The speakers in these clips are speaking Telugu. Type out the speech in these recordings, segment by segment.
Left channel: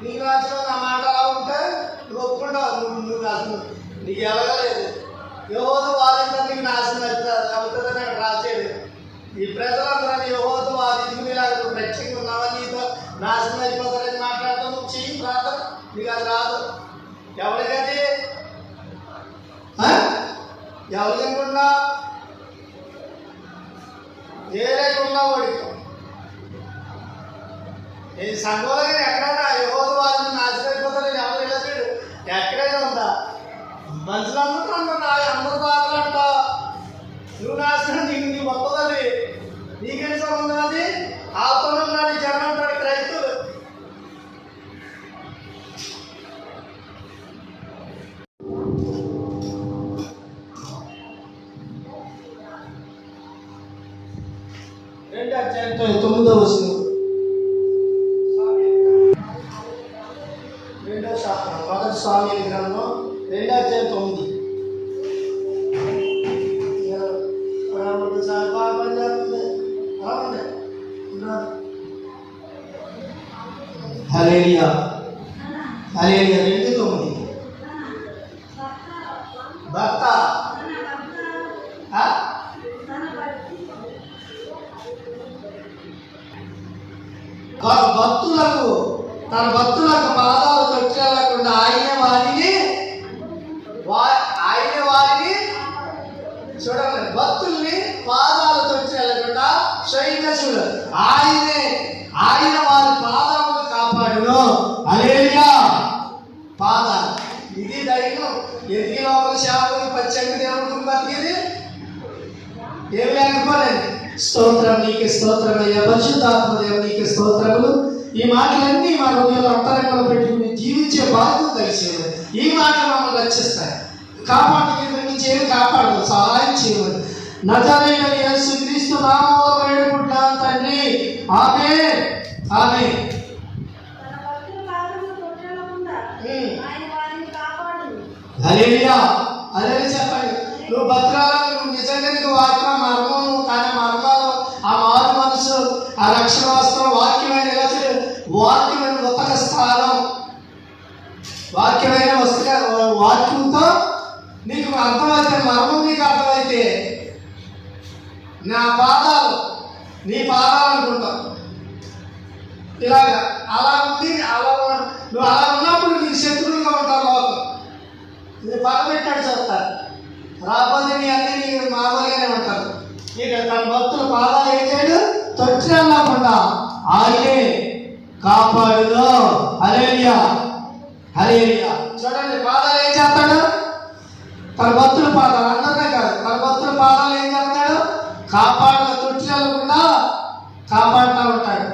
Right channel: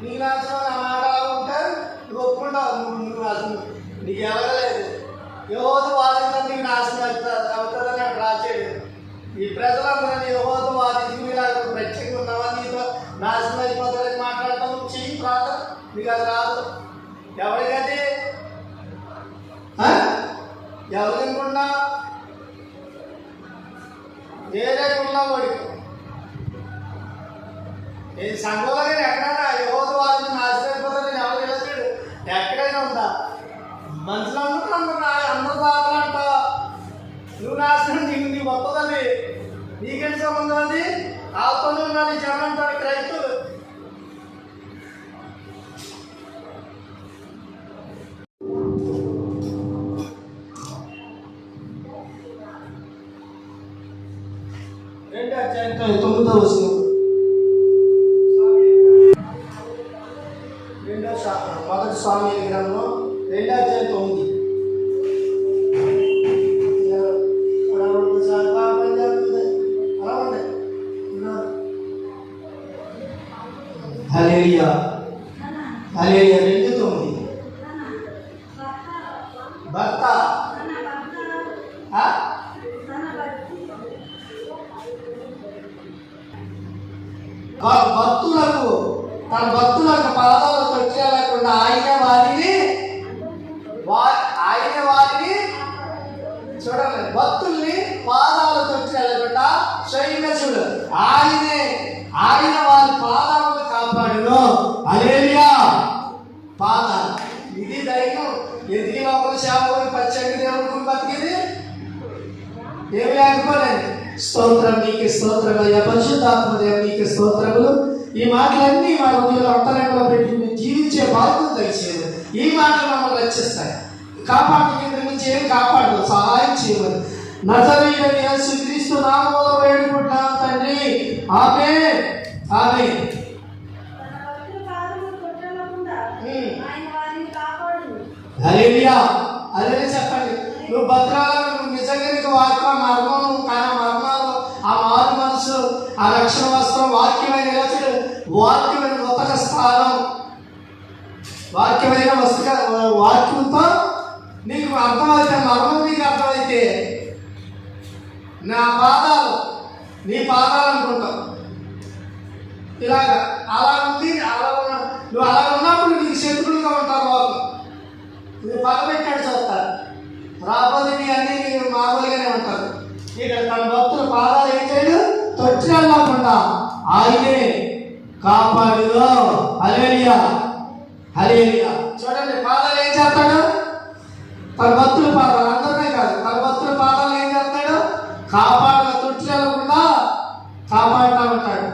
నీకు నచ్చిన నా మాట అలా ఉంటే నువ్వు ఒప్పుకుంటావు. నువ్వు అసలు నీకు ఎలగలేదు. యెహోవా వాదించడం నీకు నాశనం అవుతుందని అక్కడ రాసేది. ఈ ప్రజలందరూ యెహోవా వాదించుకునేలాగా నువ్వు ప్రత్యేకంగా ఉన్నావా, నీతో నాశనం అయిపోతారని మాట్లాడతావు. నువ్వు చెయ్యి ప్రార్థన, నీకు అది రాదు. ఎవరికది ఎవరికి అనుకున్నావు? ఏదైనా ఉన్నావు వాడికి. ఈ సంఘంలో కానీ ఎక్కడైనా యెహోవా వారిని నాశనం అయిపోతారని ఎవరు వెళ్ళాడు? ఎక్కడైనా ఉందా? మనుషులందరూ అందరూ బాధలంట. నువ్వు నాశనం నీకు వస్తుందని నీకేంటి సంబంధం? అది ఆతోనే ఉన్నది జనం అంటాడు క్రైస్తువులు. అధ్యాయం 9వ వచనం. మొదటి స్వామి గ్రంథం 2వ అధ్యాయం 9. హల్లెలూయా హల్లెలూయా. 2:9. భర్త తన భక్తులకు పాదాలు తొట్టెళ్ళకుండా ఆయన వారిని చూడండి, భక్తుల్ని పాదాలు తొట్టెళ్ళకుండా సైన్యసులు ఆయన వారి పాదాలను కాపాడును. హల్లెలూయా. పాదాలు ఇది ధైర్యం. ఎదిగిన ఒక సేవకుడికి పచ్చండి దేవుడికి బతికిది ఏమి లేకపోలేదు. స్తోత్రం నీకు స్తోత్రం అయ్యా. పరిశుద్ధాత్మ దేవుడు నీకు స్తోత్రములు. ఈ మాటలన్నీ మన హృదయంలో అంతరంగంలో పెట్టి జీవించే బాధ్యత దయచేయదు. ఈ మాటలు మమ్మల్ని రక్షిస్తాయి. కాపాడు సహాయం చేయమని నజరేయుడైన యేసుక్రీస్తు నామములో వేడుకుంటున్నాం తండ్రి. ఆమేన్ ఆమేన్. హల్లెలూయా హల్లెలూయా. చెప్పండి. నువ్వు భద్రాలను నువ్వు నిజంగా నీకు వాక్యం మర్మము కానీ మర్మాలు ఆ మారు మనసు ఆ రక్షణ వస్త్రం వాక్యమైన వాక్యమైన ఉతక స్థానం వాక్యమైన వాక్యంతో నీకు అర్థమైతే మర్మం నీకు అర్థమైతే నా పాదాలు నీ పాదాలు అనుకుంటావు. ఇలాగా అలా ఉంది. నువ్వు అలా ఉన్నప్పుడు నీకు శత్రువులుగా ఉంటావు. లోకం ఇది పగబెట్టాడు చేస్తారు. రాబోతే నీ అన్ని నీకు మామూలుగానే ఉంటారు. ఇక్కడ తన భక్తుల పాదాలు ఏం చేయడు? తొట్టిల్లకుండా ఆయనే కాపాడును. హల్లెలూయా హల్లెలూయా. చూడండి, పాదాలు ఏం చేస్తాడు? తన భక్తుల పాదాలు అందరినే కాదు, తన భక్తుల పాదాలు ఏం చేస్తాడు? కాపాడుగా తొట్టిల్లకుండా కాపాడుతూ ఉంటాడు.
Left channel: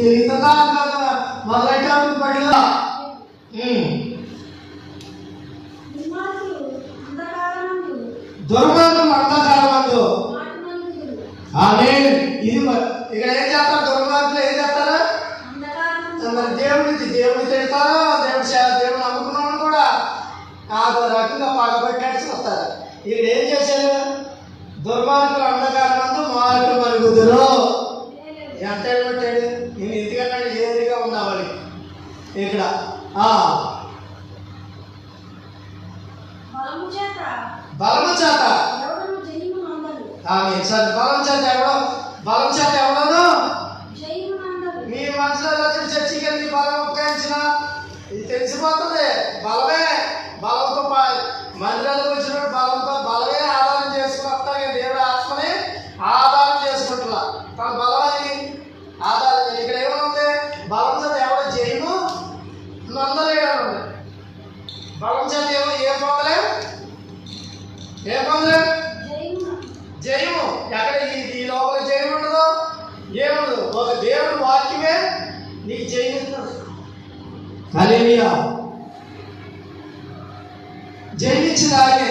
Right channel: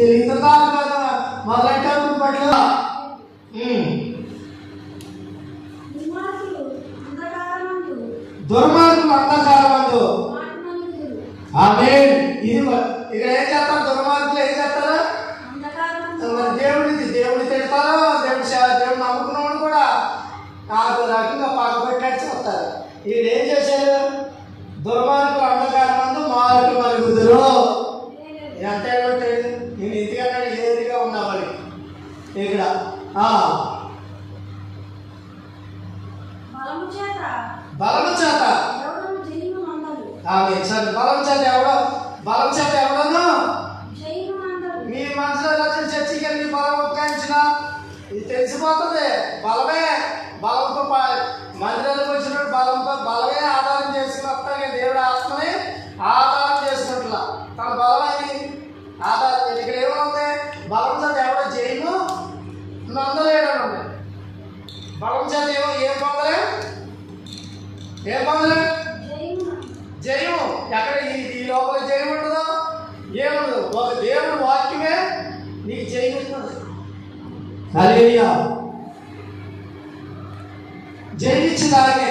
ఇది ఇంతకాలం కదా మొదలెట్టేప్పుడు పడిగా దుర్మార్గులు అంధకారమందు. ఆమేన్. ఇది ఇక్కడ ఏం చేస్తారు? దుర్మార్గులు ఏం చేస్తారా? దేవుడిని తిడతారా? దేవుడిని నమ్ముకున్నాడు కూడా ఆ రకంగా పగబెట్టాడు చూస్తారు. ఇక్కడ ఏం చేశారు? దుర్మార్గులు అంధకారమందు మార్గులు మరుగుదురు. ఎంత పెట్టాడు? నేను ఎందుకన్నా ఏదిగా ఉన్నా వాళ్ళకి ఇక్కడ బలము చేత సరే బలం చేత ఎవడను మీ మనసులో చర్చికి వెళ్ళి బలం ఉపయోగించిన ఇది తెలిసిపోతుంది. బలంతో మందిరాలకు వచ్చినట్టు బలమే ఆధారం చేసుకుని వస్తాయి. దేవుడు ఆత్మని ఆధారం చేసుకుంటున్నా తన బలమని ఆధారం. ఇక్కడ ఏమనుంది? బలం చేత ఎవడో జయము నొందలేయడం ఉంది. బలం చేత ఏం పొందలేం? జయము. ఎక్కడ ఈ లోపల జయం ఉండదు, ఏముండదు. ఒక దేవుడు వాక్యమే నీకు జయం ఇస్తుంది. హల్లెలూయా. జయించడానికే